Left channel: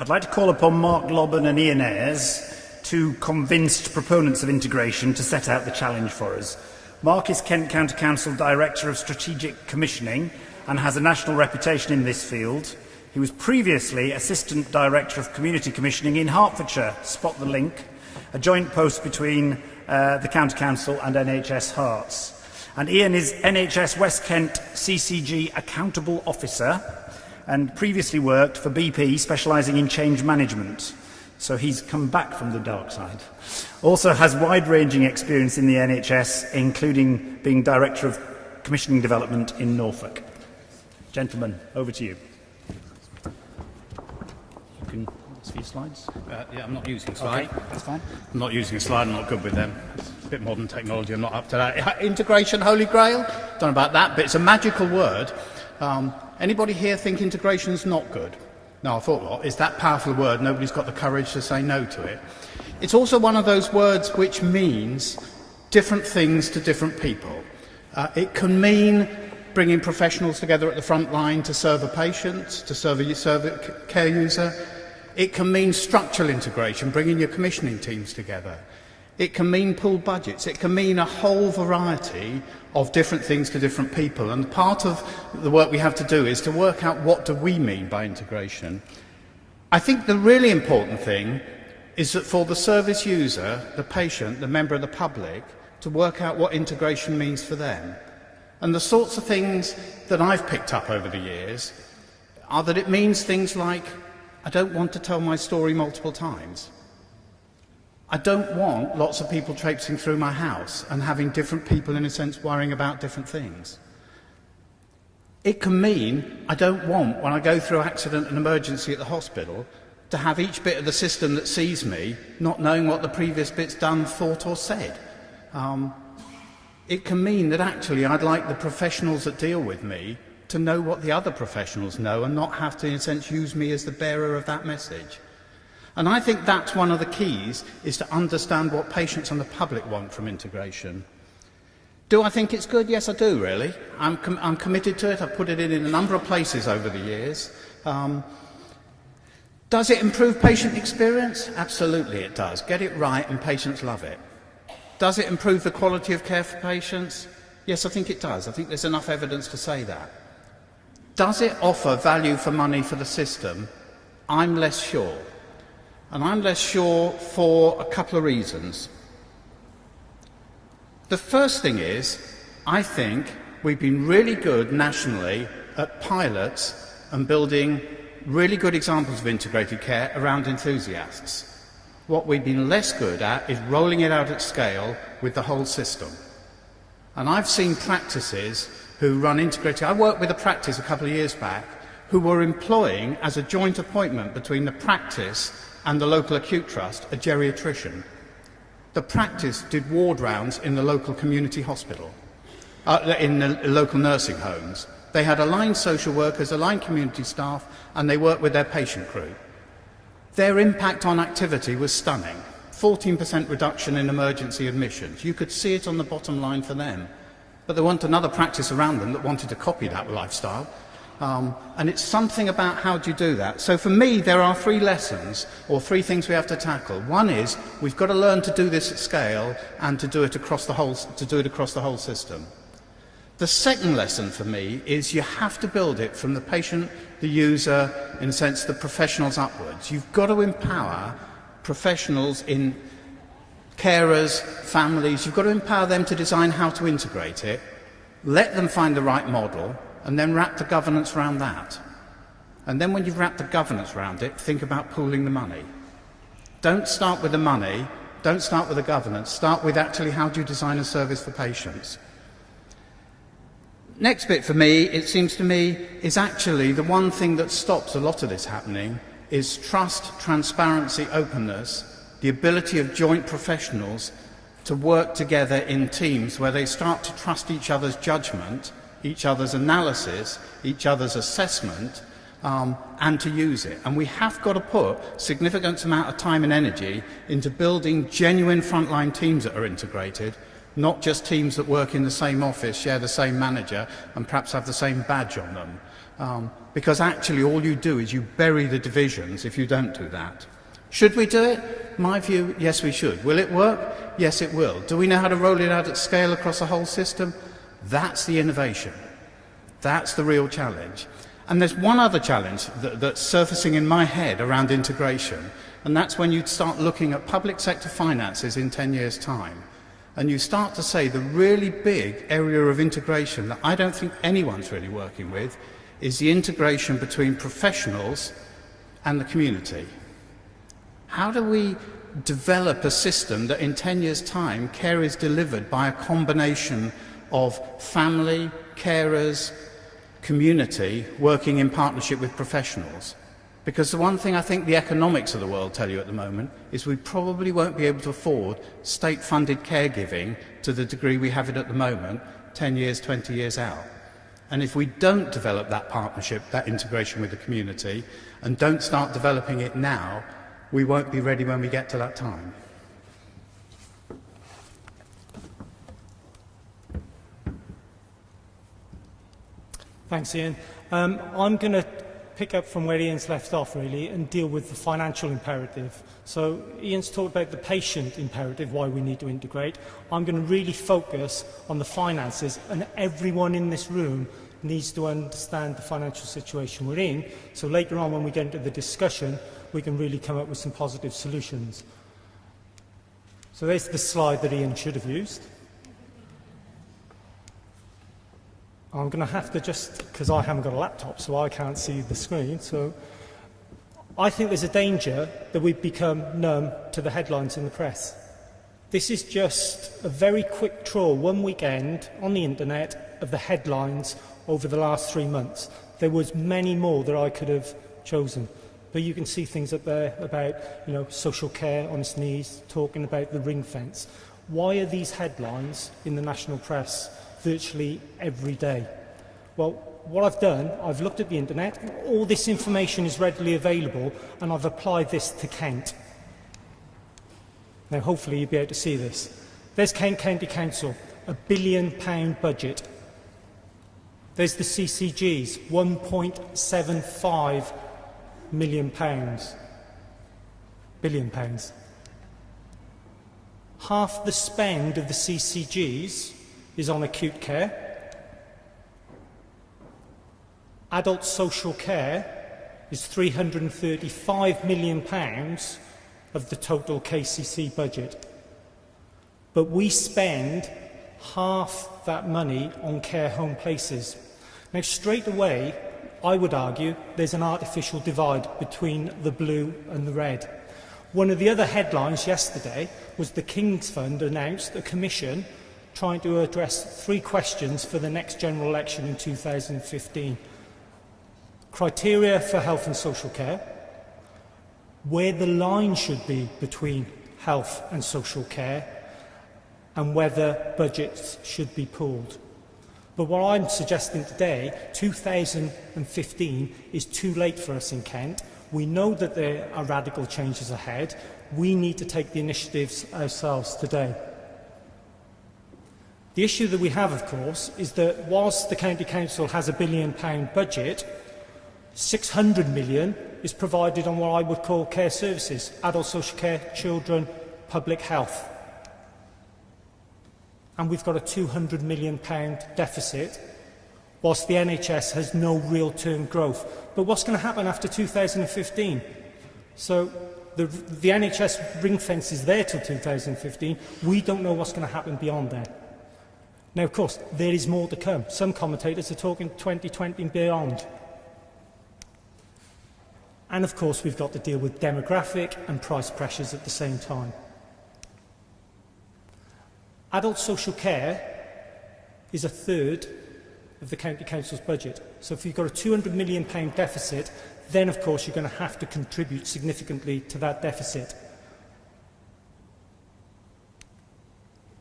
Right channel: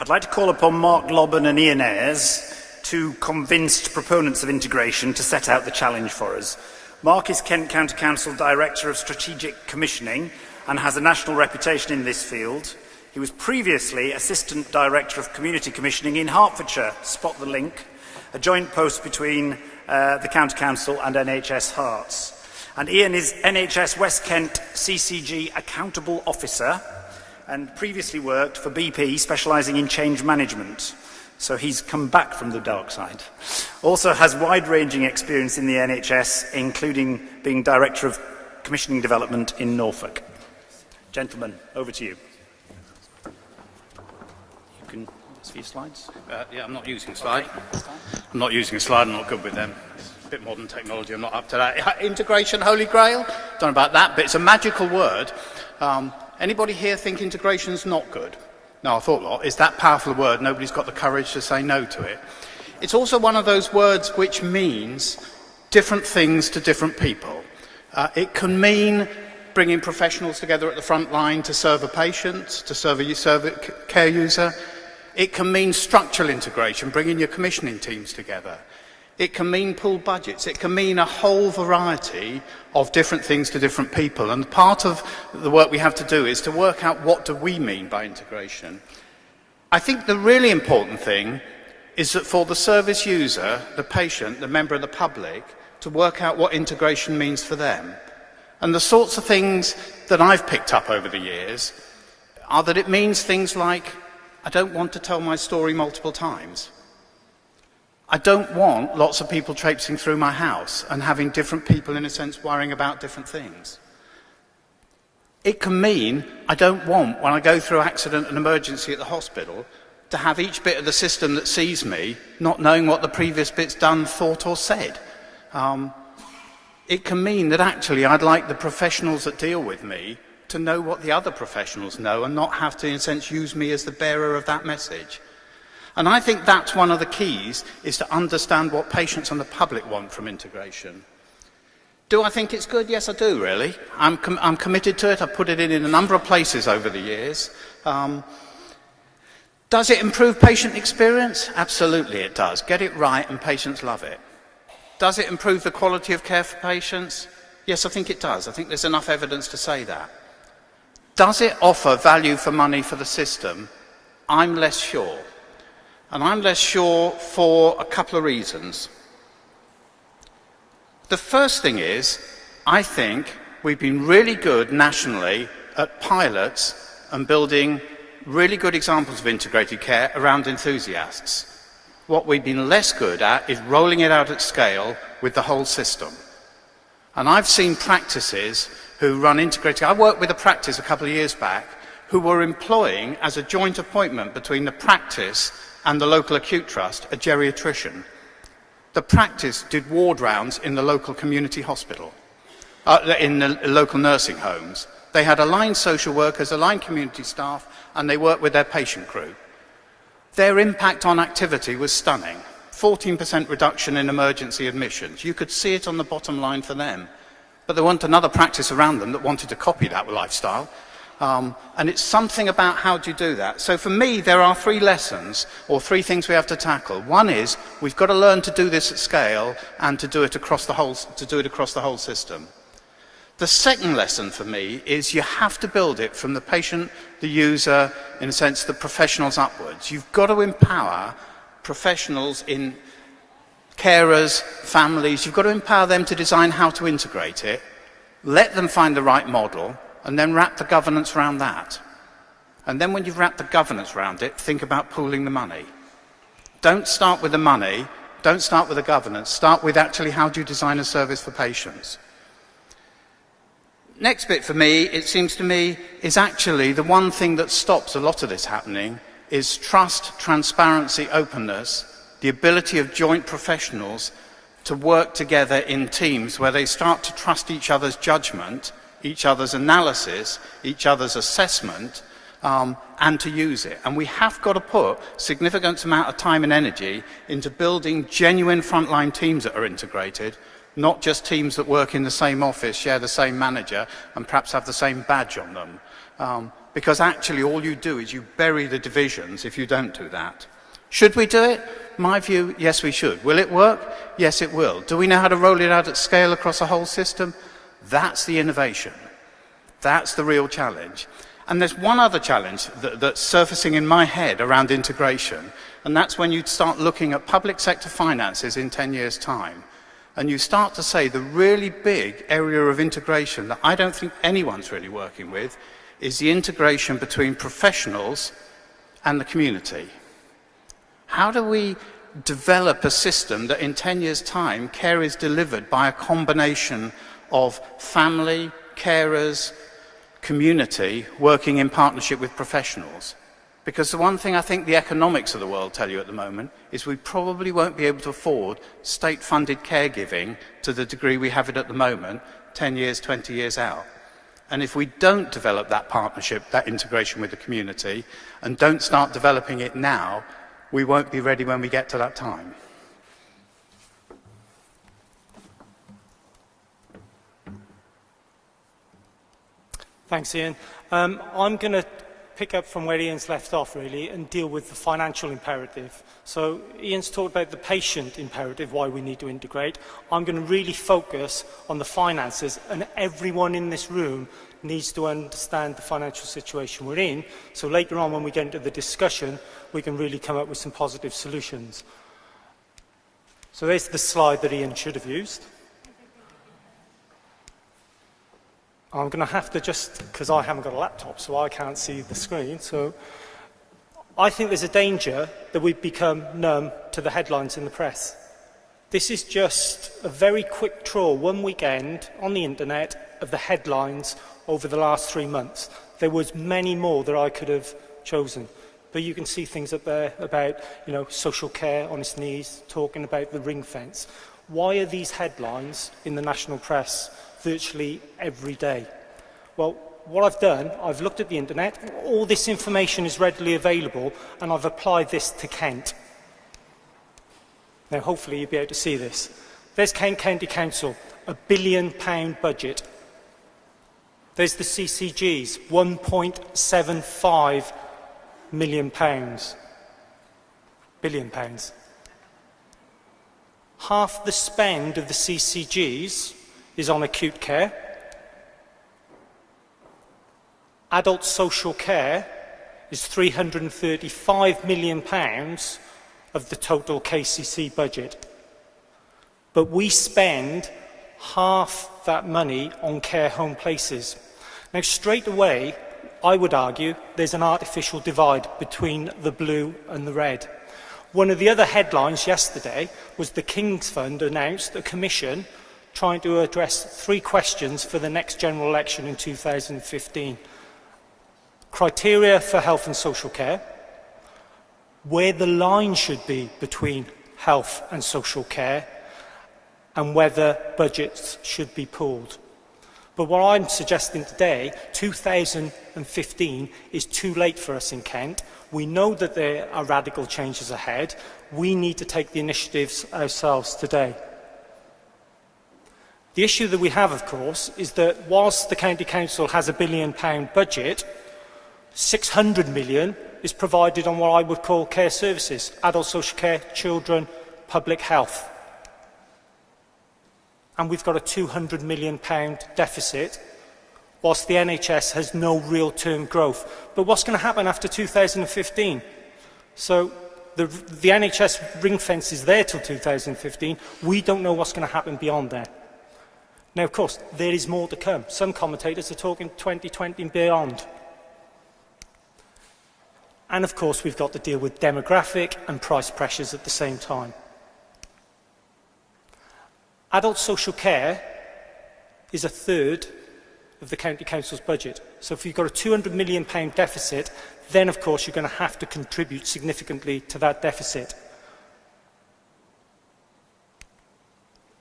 I'd like to call upon Mark Lobban and Ayres, two convinced proponents of integration, to set out the challenge for us. Mark is Kent County Council Director of Strategic Commissioning and has a national reputation in this field. He was previously Assistant Director of Community Commissioning in Hertfordshire, spot the link, a joint post between the County Council and NHS Herts. And Ian is NHS West Kent CCG Accountable Officer and previously worked for BP, specialising in change management. So he's come back from the dark side. Also has wide-ranging experience in the NHS, including being Director of Commissioning Development in Norfolk. Gentlemen, over to you. You can see your slides? Yeah, I'm not using a slide. Okay, that's fine. I'm not using a slide, I'm not good with them. It's a bit modern technology, I'm not up to that. Integration, holy grail? Don't know about that, but it's a magical word. Anybody here think integration's not good? No, I thought not. It's that powerful a word, nobody's got the courage to say no to it. It's also one of those words which means different things to different people. It can mean bringing professionals together at the front line to serve a patient, to serve a care user. It can mean structural integration, bringing your commissioning teams together. It can mean pooled budgets. It can mean a whole variety of different things to different people. And part of the work we have to do is to work out what do we mean by integration. I think the really important thing is that for the service user, the patient, the member of the public, to work out what integration means for them. And the sorts of things that I've picked up over the years are that it means things like, I don't want to tell my story multiple times. I don't want lots of people traipsing through my house and having different people, in a sense, worrying about different things. It can mean I don't want, when I go through accident and emergency at the hospital, to have each bit of the system that sees me not knowing what the previous bit's done, thought or said. It can mean that actually I'd like the professionals that deal with me to know what the other professionals know and not have to, in a sense, use me as the bearer of that message. And I think that's one of the keys, is to understand what patients and the public want from integration. Do I think it's good? Yes, I do, really. I'm committed to it. I've put it in a number of places over the years. Does it improve patient experience? Absolutely it does. Get it right and patients love it. Does it improve the quality of care for patients? Yes, I think it does. I think there's enough evidence to say that. Does it offer value for money for the system? I'm less sure. And I'm less sure for a couple of reasons. The first thing is, I think we've been really good nationally at pilots and building really good examples of integrated care around enthusiasts. What we've been less good at is rolling it out at scale with the whole system. And I've seen practices who run integrated. I worked with a practice a couple of years back who were employing, as a joint appointment between the practice and the local acute trust, a geriatrician. The practice did ward rounds in the local community hospital, in the local nursing homes. They had aligned social workers, aligned community staff, and they worked with their patient crew. Their impact on activity was stunning. 14% reduction in emergency admissions. You could see it on the bottom line for them. But there wasn't another practice around them that wanted to copy that lifestyle. And it's something about how do you do that. So for me, there are three lessons, or three things we have to tackle. One is we've got to learn to do this at scale and to do it across the whole system. The second lesson for me is you have to build it from the patient, the user, in a sense, the professionals upwards. You've got to empower professionals in carers, families. You've got to empower them to design how to integrate it, let them find the right model, and then wrap the governance around that. And then when you've wrapped the governance around it, think about pooling the money. Don't start with the money, don't start with the governance, start with actually how do you design a service for patients. Next bit for me, it seems to me, is actually the one thing that stops a lot of this happening is trust, transparency, openness, the ability of joint professionals to work together in teams where they start to trust each other's judgment, each other's analysis, each other's assessment, and to use it. And we have got to put significant amount of time and energy into building genuine frontline teams that are integrated, not just teams that work in the same office, share the same manager, and perhaps have the same badge on them. because actually all you do is you bury the divisions if you don't do that. Should we do it? My view, yes, we should. Will it work? Yes, it will. Do we know how to roll it out at scale across the whole system? That's the innovation. That's the real challenge. And there's one other challenge that's surfacing in my head around integration, and that's when you start looking at public sector finances in 10 years' time, and you start to say the really big area of integration that I don't think anyone's really working with is the integration between professionals and the community. How do we develop a system that in 10 years' time care is delivered by a combination of family, carers, community working in partnership with professionals? Because the one thing I think the economics of the world tell you at the moment is we probably won't be able to afford state-funded caregiving to the degree we have it at the moment 10 years, 20 years out. And if we don't develop that partnership, that integration with the community, and don't start developing it now, we won't be ready when we get to that time. Thanks, Ian. I'm going to pick up from where Ian's left off, really, and deal with the financial imperative. So Ian's talked about the patient imperative, why we need to integrate. I'm going to really focus on the finances, and everyone in this room needs to understand the financial situation we're in, so later on when we get into the discussion, we can really come up with some positive solutions. So there's the slide that Ian should have used. I'm going to have to because I haven't got a laptop, so I can't see the screen. So I think there's a danger that we've become numb to the headlines in the press. This is just a very quick trawl, one weekend on the internet, of the headlines over the last 3 months. There was many more that I could have chosen. But you can see things up there about, social care on its knees, talking about the ring fence. Why are these headlines in the national press virtually every day? Well, what I've done, I've looked at the internet, all this information is readily available, and I've applied this to Kent. Now, hopefully you'll be able to see this. There's Kent County Council, £1 billion budget. There's the CCGs, £1.75 million. Billion pounds. Half the spend of the CCGs is on acute care. Adult social care is £335 million of the total KCC budget. But we spend half that money on care home places. Now, straight away, I would argue there's an artificial divide between the blue and the red. One of the other headlines yesterday was the King's Fund announced a commission trying to address 3 questions for the next general election in 2015. Criteria for health and social care, where the line should be between health and social care, and whether budgets should be pooled. But what I'm suggesting today, 2015, is too late for us in Kent. We know that there are radical changes ahead. We need to take the initiatives ourselves today. The issue that we have, of course, is that whilst the County Council has a £1 billion budget, 600 million is provided on what I would call care services, adult social care, children, public health. And we've got a £200 million deficit, whilst the NHS has no real term growth. But what's going to happen after 2015? So the NHS ring fence is there till 2015. We don't know what's going to happen beyond that. Now, of course, there is more to come. Some commentators are talking 2020 and beyond. And, of course, we've got to deal with demographic and price pressures at the same time. Adult social care is a third of the County Council's budget. So if you've got a £200 million deficit, then, of course, you're going to have to contribute significantly to that deficit.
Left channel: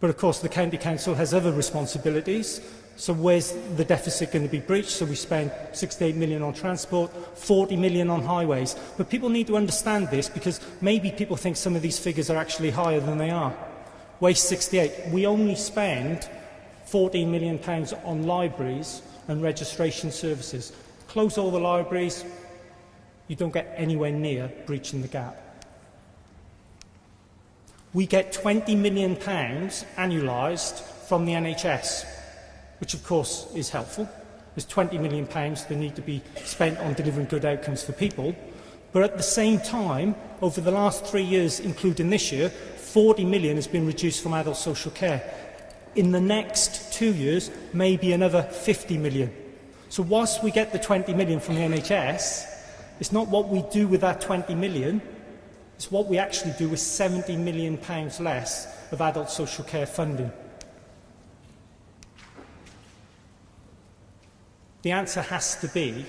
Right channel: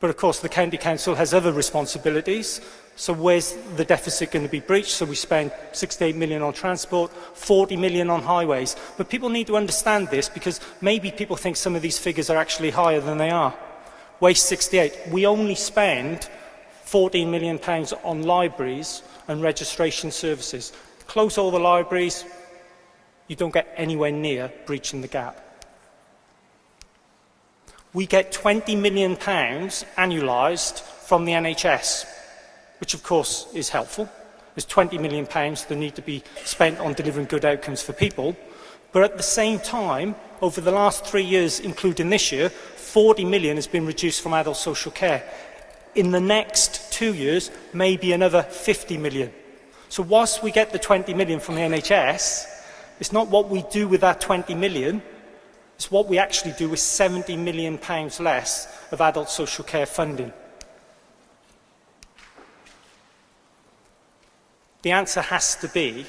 But, of course, the County Council has other responsibilities. So where's the deficit going to be breached? So we spend 68 million on transport, 40 million on highways. But people need to understand this, because maybe people think some of these figures are actually higher than they are. Waste 68. We only spend £14 million on libraries and registration services. close all the libraries, you don't get anywhere near breaching the gap. We get £20 million annualised from the NHS, which of course is helpful. There's £20 million that need to be spent on delivering good outcomes for people. But at the same time, over the last 3 years, including this year, 40 million has been reduced from adult social care. In the next 2 years, maybe another 50 million. So whilst we get the 20 million from the NHS, it's not what we do with that 20 million, it's what we actually do with £70 million less of adult social care funding. The answer has to be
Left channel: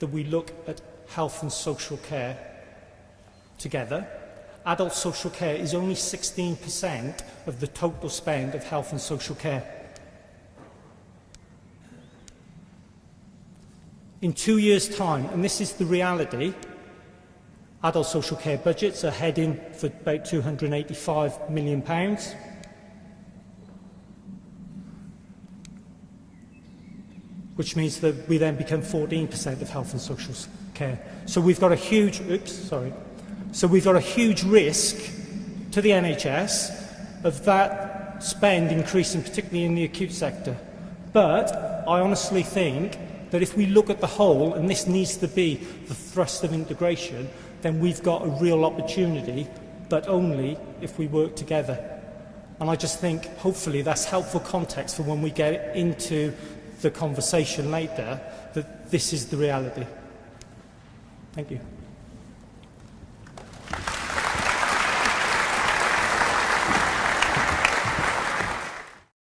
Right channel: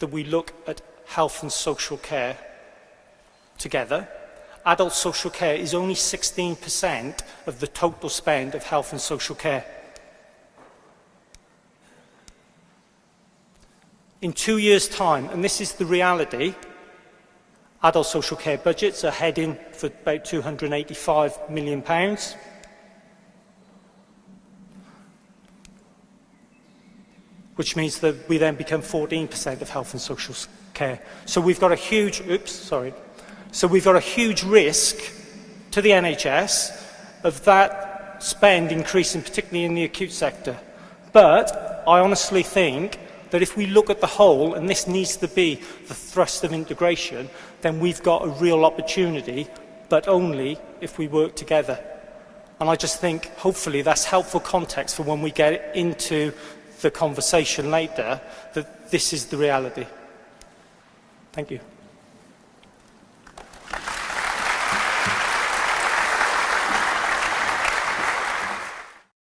that we look at health and social care together. Adult social care is only 16% of the total spend of health and social care. In 2 years' time, and this is the reality, adult social care budgets are heading for about £285 million. Which means that we then become 14% of health and social care. So we've got a huge, So we've got a huge risk to the NHS of that spend increasing, particularly in the acute sector. But I honestly think that if we look at the whole, and this needs to be the thrust of integration, then we've got a real opportunity, but only if we work together. And I just think, hopefully, that's helpful context for when we get into the conversation later, that this is the reality. Thank you.